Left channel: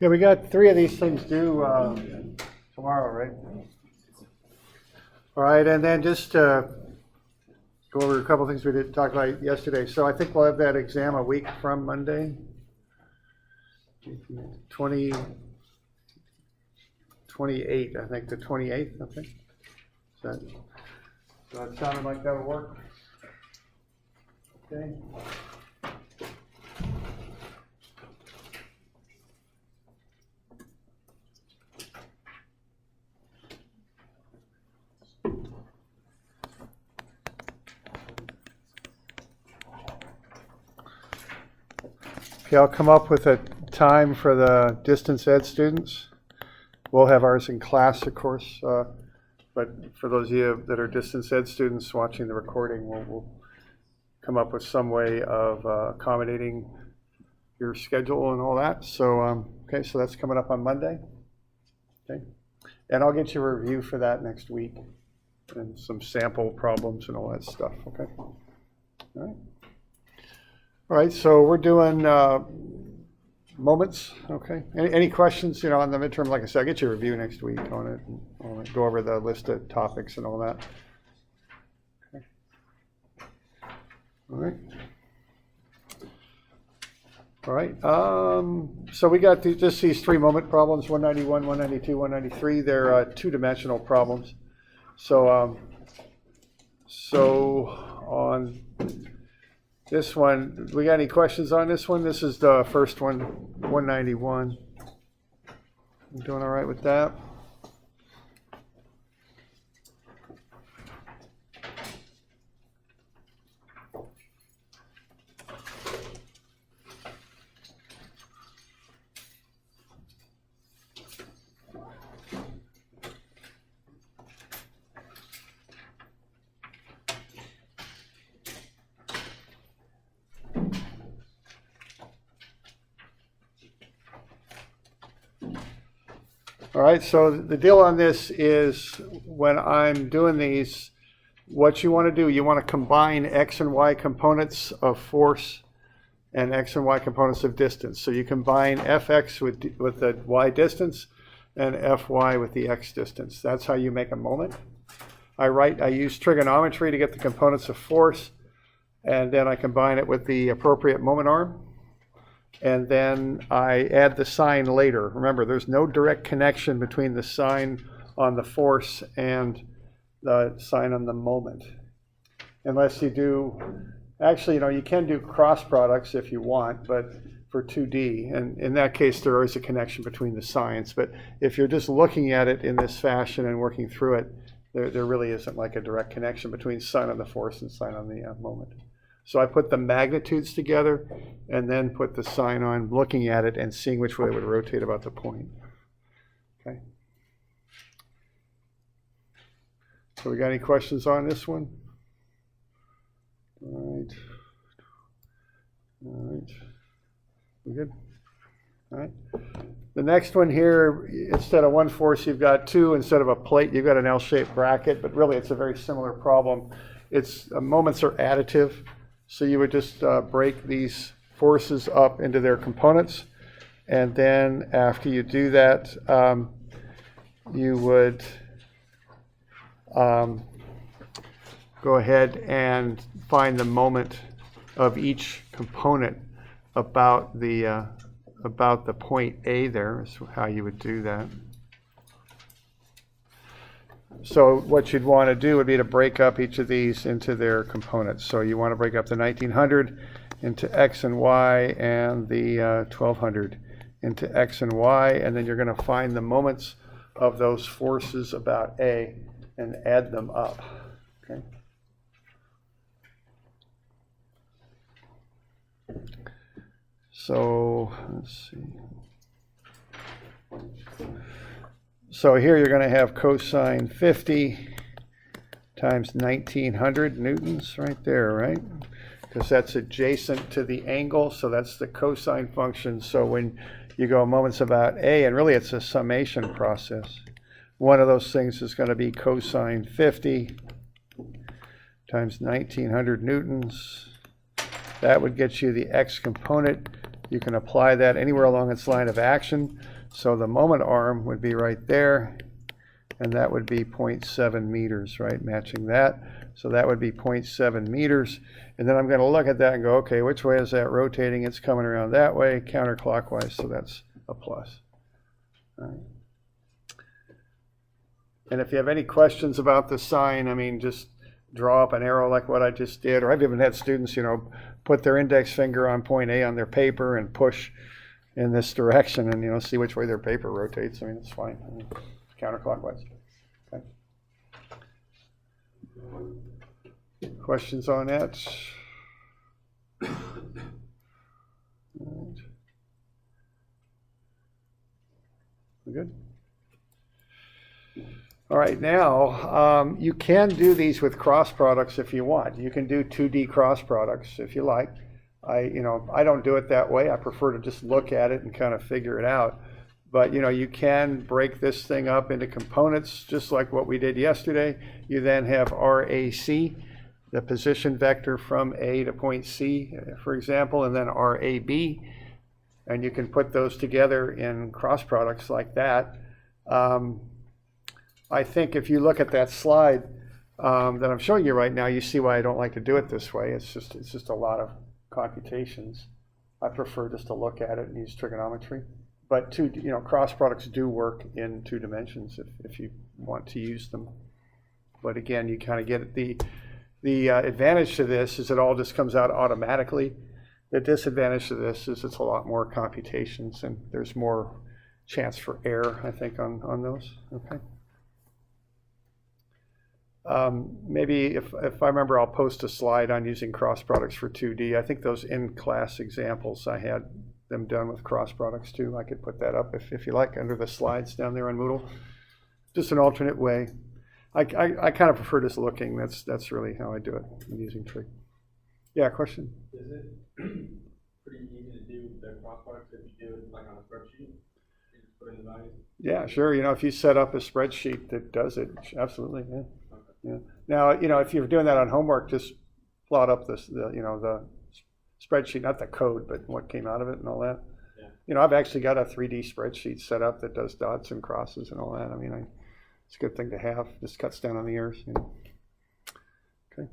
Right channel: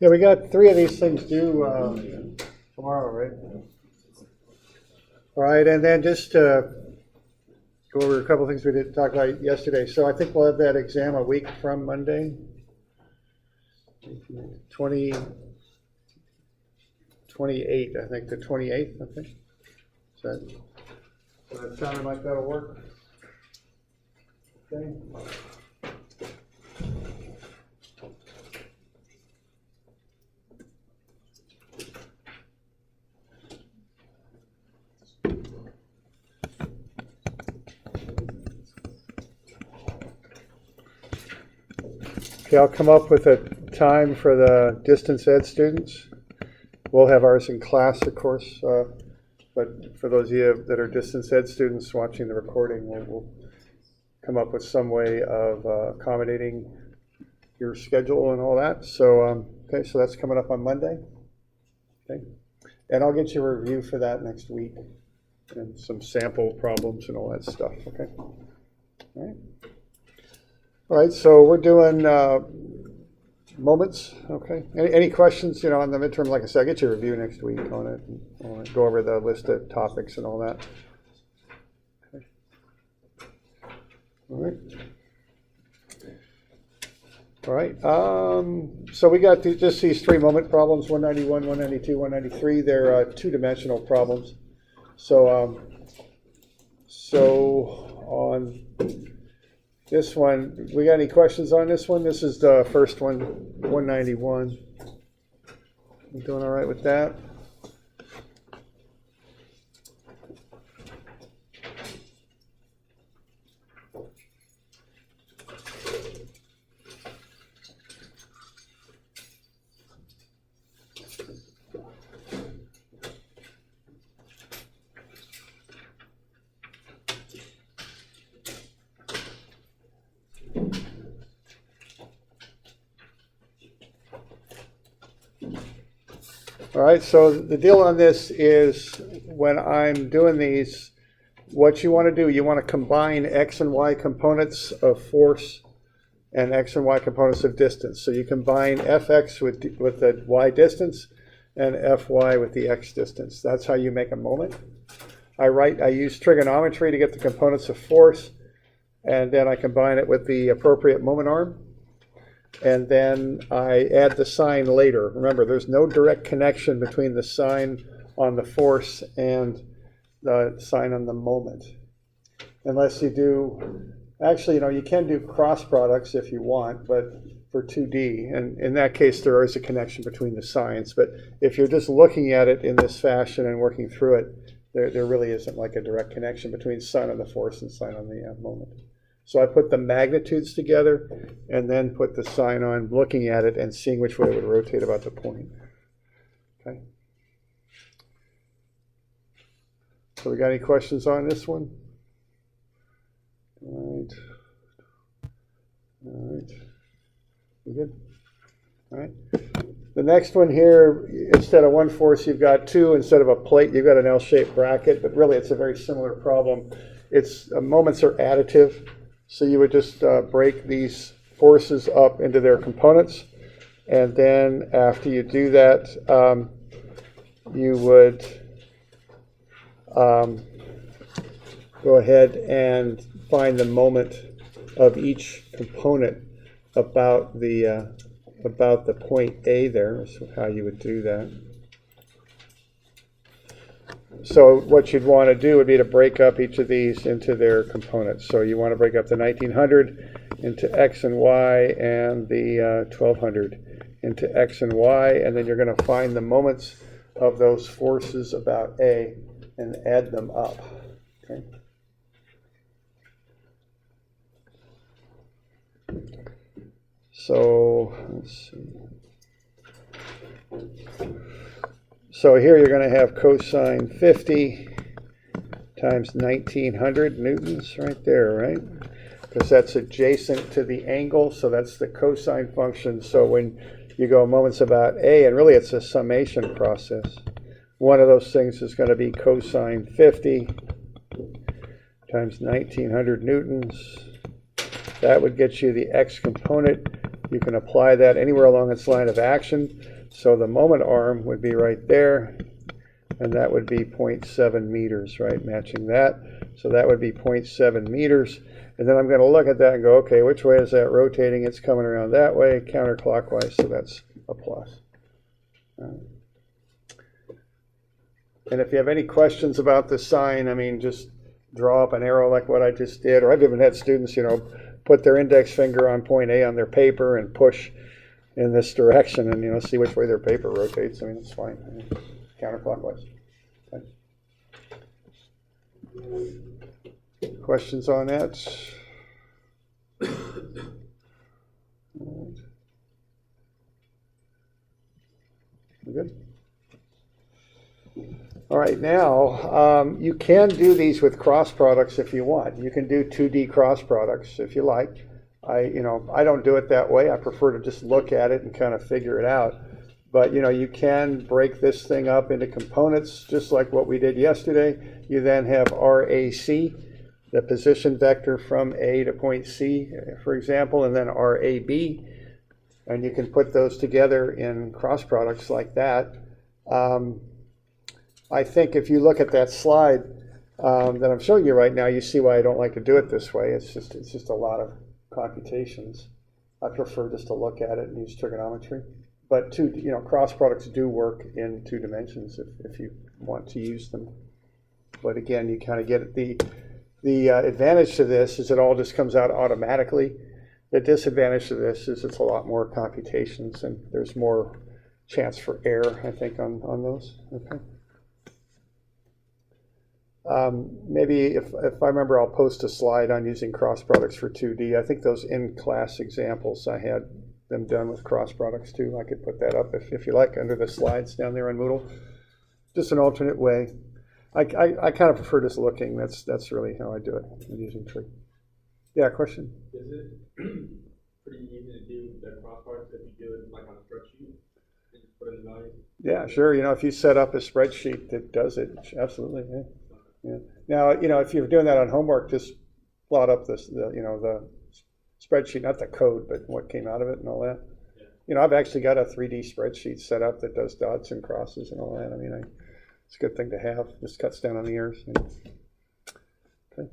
Yeah, we got 3 of these things due tomorrow, right? All right, and then just go over a couple things we didn't talk about yesterday. So I think we'll have that exam a week from Monday. 28, I think, the 28th, I think. So that sounded like that'll work? Okay. Okay, I'll come up with a time for the distance ed students. We'll have ours in class, of course, but for those of you that are distance ed students watching the recording, we'll come up with some way of accommodating your schedule and all that. So, okay, so that's coming up on Monday. Okay, and I'll get you a review for that next week and some sample problems and all that stuff. Okay, all right. All right, so we're doing moments, okay? Any questions, on the midterm? Like I said, I'll get you a review next week on it. I'll go over the list of topics and all that. Okay. All right. All right, so we got just these 3 moment problems, 191, 192, 193. They're 2-dimensional problems. So on this one, we got any questions on this one? This is the first one, 191. You doing all right with that? All right, so the deal on this is when I'm doing these, what you want to do, you want to combine X and Y components of force and X and Y components of distance. So you combine Fx with the Y distance and Fy with the X distance. That's how you make a moment. I use trigonometry to get the components of force, and then I combine it with the appropriate moment arm. And then I add the sign later. Remember, there's no direct connection between the sign on the force and the sign on the moment. Unless you do, actually, you can do cross products if you want, but for 2D. And in that case, there is a connection between the signs. But if you're just looking at it in this fashion and working through it, there really isn't like a direct connection between sign on the force and sign on the moment. So I put the magnitudes together and then put the sign on, looking at it and seeing which way it would rotate about the point. Okay. So we got any questions on this one? All right. All right. We good? All right. The next one here, instead of one force, you've got 2. Instead of a plate, you've got an L-shaped bracket, but really it's a very similar problem. It's moments are additive. So you would just break these forces up into their components. And then after you do that, you would go ahead and find the moment of each component about the point A there. Is how you would do that. So what you'd want to do would be to break up each of these into their components. So you want to break up the 1900 into X and Y and the 1200 into X and Y, and then you're going to find the moments of those forces about A and add them up. Okay. So let's see. So here you're going to have cosine 50 times 1900 newtons right there, right? Because that's adjacent to the angle, so that's the cosine function. So when you go moments about A, and really it's a summation process, one of those things is going to be cosine 50 times 1900 newtons. That would get you the X component you can apply that anywhere along its line of action. So the moment arm would be right there, and that would be 0.7 meters, right, matching that. So that would be 0.7 meters. And then I'm going to look at that and go, okay, which way is that rotating? It's coming around that way, counterclockwise, so that's a plus. All right. And if you have any questions about the sign, I mean, just draw up an arrow like what I just did. Or I've even had students, put their index finger on point A on their paper and push in this direction and, see which way their paper rotates. I mean, it's fine. I mean, counterclockwise. Okay. Questions on that? Good. All right, now you can do these with cross products if you want. You can do 2D cross products if you like. I don't do it that way. I prefer to just look at it and kind of figure it out. But you can break this thing up into components just like what we did yesterday. You then have RAC, the position vector from A to point C, for example, and then RAB. And you can put those together in cross products like that. I think if you look at that slide that I'm showing you right now, you see why I don't like to do it this way. It's just a lot of computations. I prefer just to look at it and use trigonometry. But cross products do work in 2 dimensions if you want to use them. But again, you kind of get the advantage to this is it all just comes out automatically. The disadvantage to this is it's a lot more computations and there's more chance for error, I think, on those. Okay. Maybe if I remember, I'll post a slide on using cross products for 2D. I think those in-class examples, I had them done with cross products too. I could put that up if you like under the slides down there on Moodle. Just an alternate way. I kind of prefer just looking. That's really how I do it. I'm using trig. Yeah, question? Is it pretty easy to do the cross products if you do it like on a spreadsheet? You just put in the values? Yeah, sure. If you set up a spreadsheet that does it, absolutely. Yeah. Yeah. Now, if you're doing that on homework, just plot up the spreadsheet, not the code, but what came out of it and all that. Yeah. I've actually got a 3D spreadsheet set up that does dots and crosses and all that. I mean, it's a good thing to have. Just cuts down on the errors. Okay.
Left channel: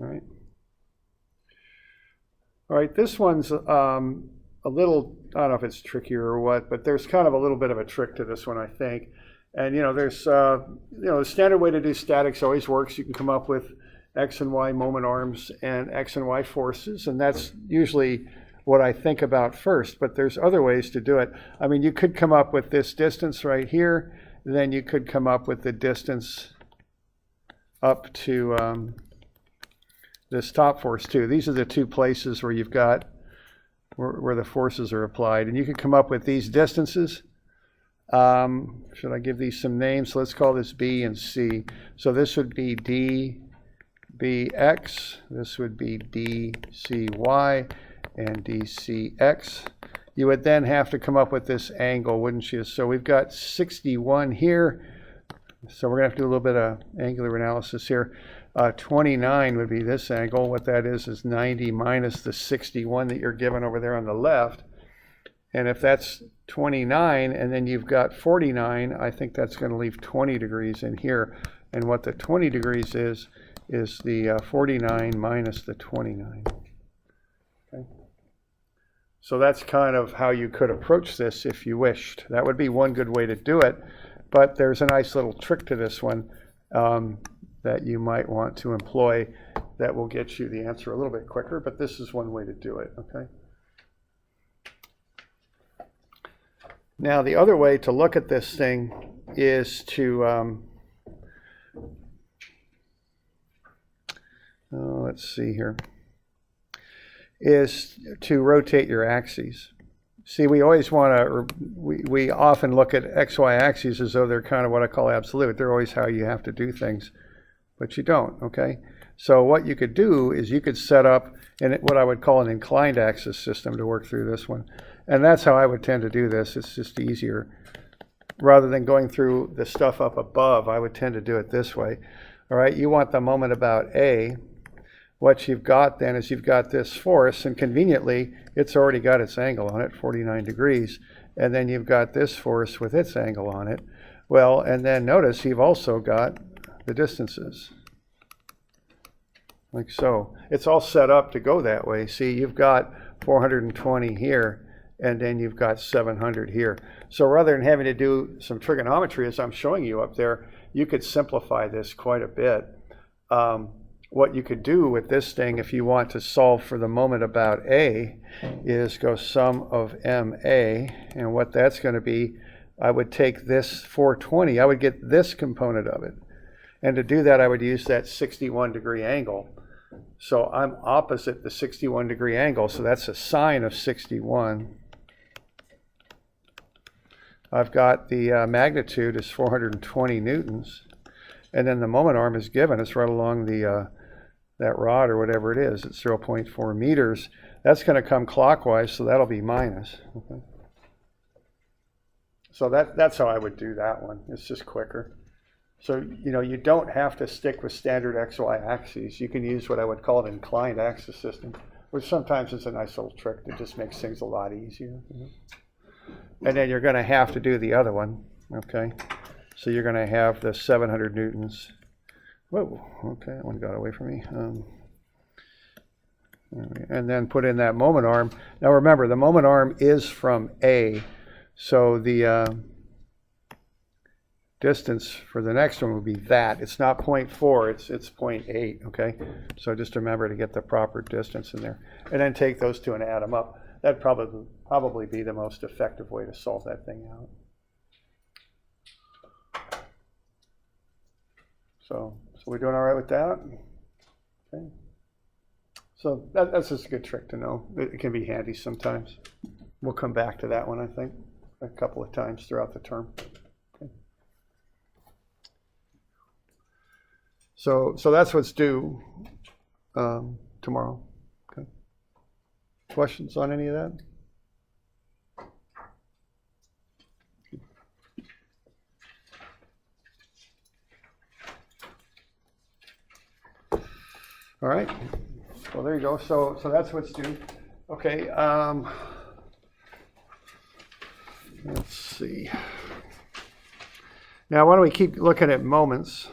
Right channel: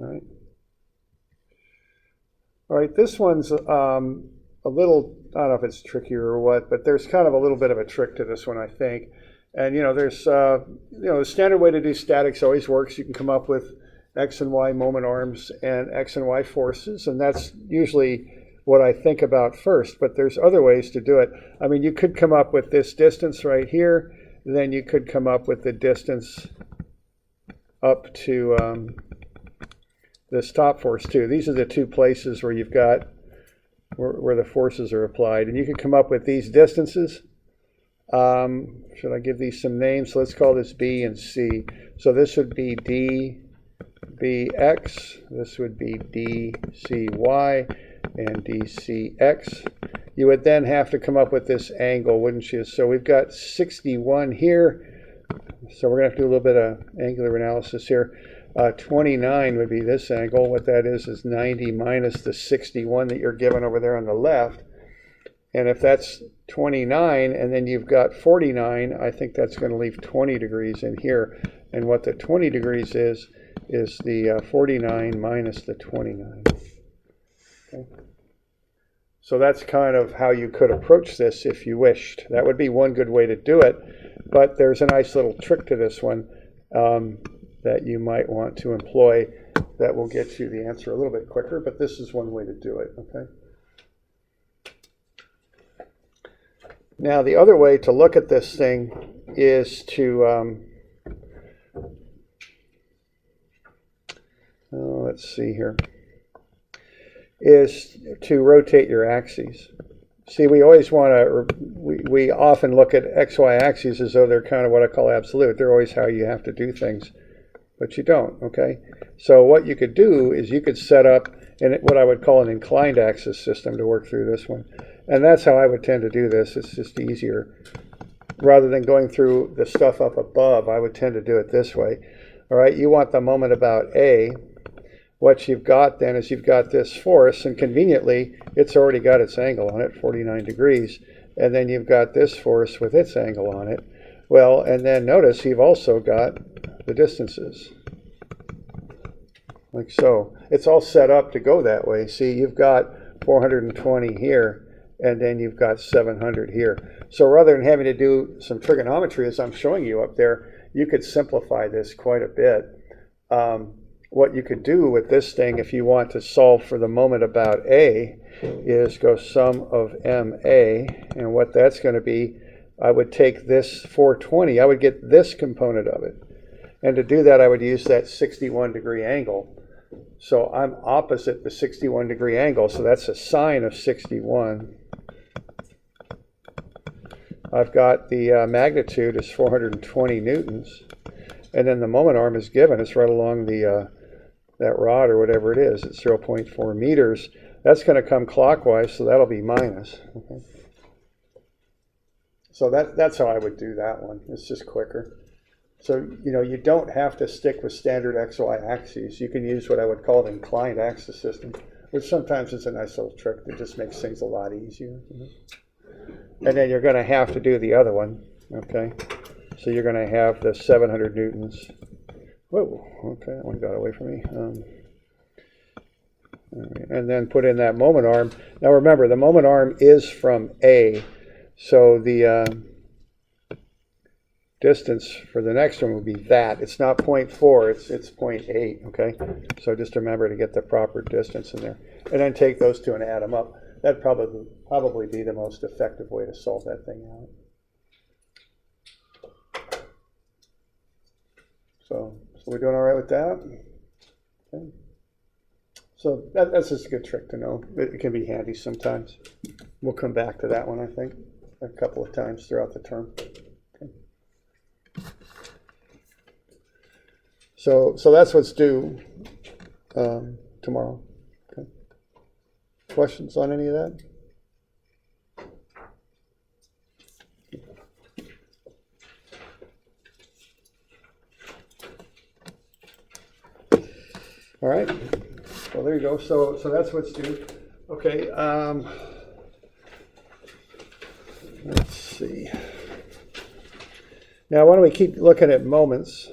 All right. All right. This one's a little, I don't know if it's trickier or what, but there's kind of a little bit of a trick to this one, I think. And there's the standard way to do statics always works. You can come up with X and Y moment arms and X and Y forces, and that's usually what I think about first, but there's other ways to do it. I mean, you could come up with this distance right here, then you could come up with the distance up to this top force too. These are the 2 places where you've got where the forces are applied, and you can come up with these distances. Should I give these some names? So let's call this B and C. So this would be DBX, this would be DCY, and DCX. You would then have to come up with this angle, wouldn't you? So we've got 61 here. So we're going to have to do a little bit of angular analysis here. 29 would be this angle. What that is 90 minus the 61 that you're given over there on the left. And if that's 29 and then you've got 49, I think that's going to leave 20 degrees in here. And what the 20 degrees is the 49 minus the 29. Okay. So that's kind of how you could approach this if you wished. That would be one good way to do it. But there's a nice little trick to this one that you might want to employ that will get you the answer a little bit quicker. But this is one way to do it. Okay. Now, the other way to look at this thing is to, let's see here, is to rotate your axes. See, we always want to, we often look at XY axes as though they're kind of what I call absolute. They're always how you have to do things, but you don't, okay? So what you could do is you could set up what I would call an inclined axis system to work through this one. And that's how I would tend to do this. It's just easier. Rather than going through the stuff up above, I would tend to do it this way. All right, you want the moment about A. what you've got then is you've got this force, and conveniently, it's already got its angle on it, 49 degrees. And then you've got this force with its angle on it. Well, and then notice you've also got the distances. Like so. It's all set up to go that way. See, you've got 420 here, and then you've got 700 here. So rather than having to do some trigonometry, as I'm showing you up there, you could simplify this quite a bit. What you could do with this thing, if you want to solve for the moment about A, is go sum of MA, and what that's going to be, I would take this 420, I would get this component of it. And to do that, I would use that 61-degree angle. So I'm opposite the 61-degree angle, so that's a sine of 61. I've got the magnitude is 420 newtons, and then the moment arm is given. It's right along the that rod or whatever it is. It's 0.4 meters. That's going to come clockwise, so that'll be minus. Okay. So that's how I would do that one. It's just quicker. So, you know, you don't have to stick with standard XY axes. You can use what I would call an inclined axis system, which sometimes is a nice little trick that just makes things a lot easier. And then you're going to have to do the other one, okay? So you're going to have the 700 newtons. Whoa, okay, that one got away from me. And then put in that moment arm. Now remember, the moment arm is from A, so the distance for the next one would be that. It's not 0.4, it's 0.8, okay? So just remember to get the proper distance in there. And then take those two and add them up. That'd probably be the most effective way to solve that thing out. So we're doing all right with that? Okay. So that's just a good trick to know. It can be handy sometimes. We'll come back to that one, I think, a couple of times throughout the term. Okay. So that's what's due tomorrow. Okay. Questions on any of that? All right. Well, there you go. So that's what's due. Okay. Let's see. Now, why don't we keep looking at moments?